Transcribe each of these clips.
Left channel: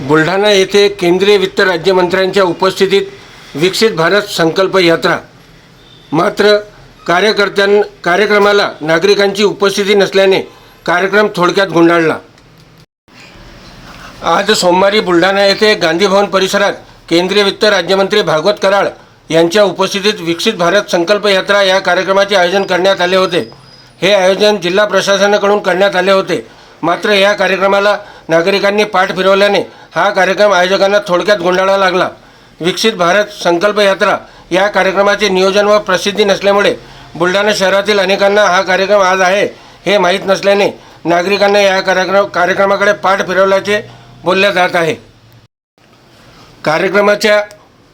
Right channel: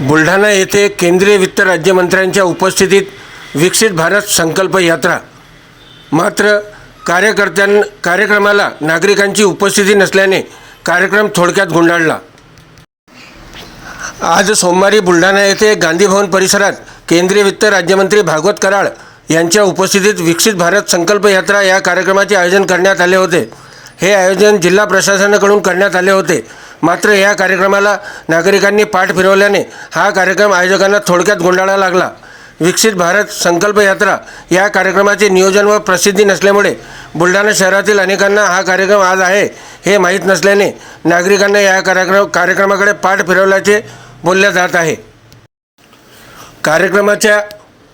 बुलढाणा येथे केंद्रीय वित्त राज्यमंत्र्यांच्या उपस्थितीत विकसित भारत संकल्प यात्रा. मात्र कार्यकर्त्यां कार्यक्रमाला नागरिकांची उपस्थिती नसल्याने कार्यक्रम थोडक्यात गुंडाळला. आज सोमवारी बुलढाणा येथे गांधी भवन परिसरात केंद्रीय वित्त राज्यमंत्री भागवत कराळ यांच्या उपस्थितीत विकसित भारत संकल्प यात्रा या कार्यक्रमाचे आयोजन करण्यात आले होते. हे आयोजन जिल्हा प्रशासनाकडून करण्यात आले होते. मात्र या कार्यक्रमाला नागरिकांनी पाठ फिरवल्याने हा कार्यक्रम आयोजकांना थोडक्यात गुंडाळा लागला. विकसित भारत संकल्प यात्रा या कार्यक्रमाचे नियोजन व प्रसिद्धी नसल्यामुळे बुलढाणा शहरातील अनेकांना हा कार्यक्रम आज आहे हे माहीत नसल्याने नागरिकांना या कार्यक्रम कार्यक्रमाकडे पाठ फिरवल्याचे बोलल्या जात आहे. कार्यक्रमाच्या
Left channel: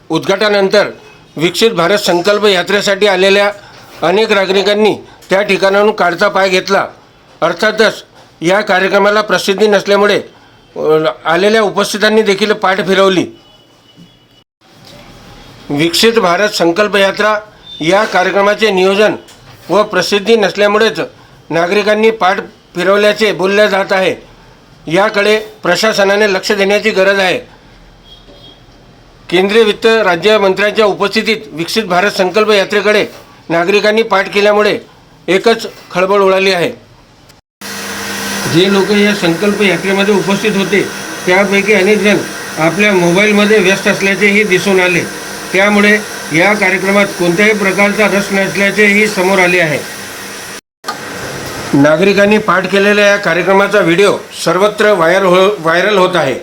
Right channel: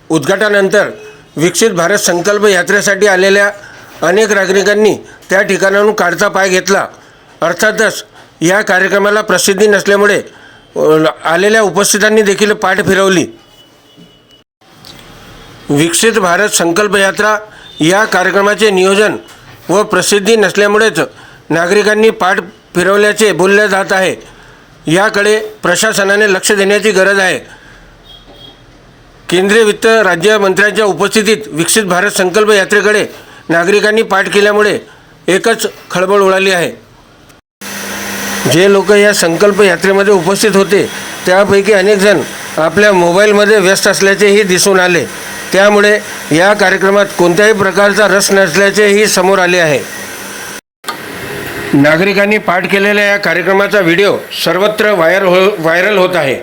उद्घाटनानंतर विकसित भारत संकल्प यात्रेसाठी आलेल्या अनेक नागरिकांनी त्या ठिकाणाहून काढता पाय घेतला. अर्थातच या कार्यक्रमाला प्रसिद्धी नसल्यामुळे आलेल्या उपस्थितांनी देखील पाठ फिरवली. विकसित भारत संकल्प यात्रा या कार्यक्रमाचे नियोजन व प्रसिद्धी नसल्यामुळेच नागरिकांनी पाठ फिरवल्याचे बोलले जात आहे. याकडे प्रशासनाने लक्ष देण्याची गरज आहे. केंद्रीय वित्त राज्यमंत्र्यांच्या उपस्थितीत विकसित भारत संकल्प यात्रेकडे नागरिकांनी पाठ केल्यामुळे एकच खळबळ उडाली आहे. जे लोक या संकल्प यात्रेमध्ये उपस्थित होते त्यापैकी अनेकजण आपल्या मोबाईलमध्ये व्यस्त असल्याचेही दिसून आले. त्यामुळे या कार्यक्रमात कोणत्याही प्रकारचा रस नसल्याचेही समोर आले आहे. नागरिकांनी पाठ केलेल्या या कार्यक्रमाचा व्हिडिओ सर्वत्र व्हायर हो व्हायरल होत आहे.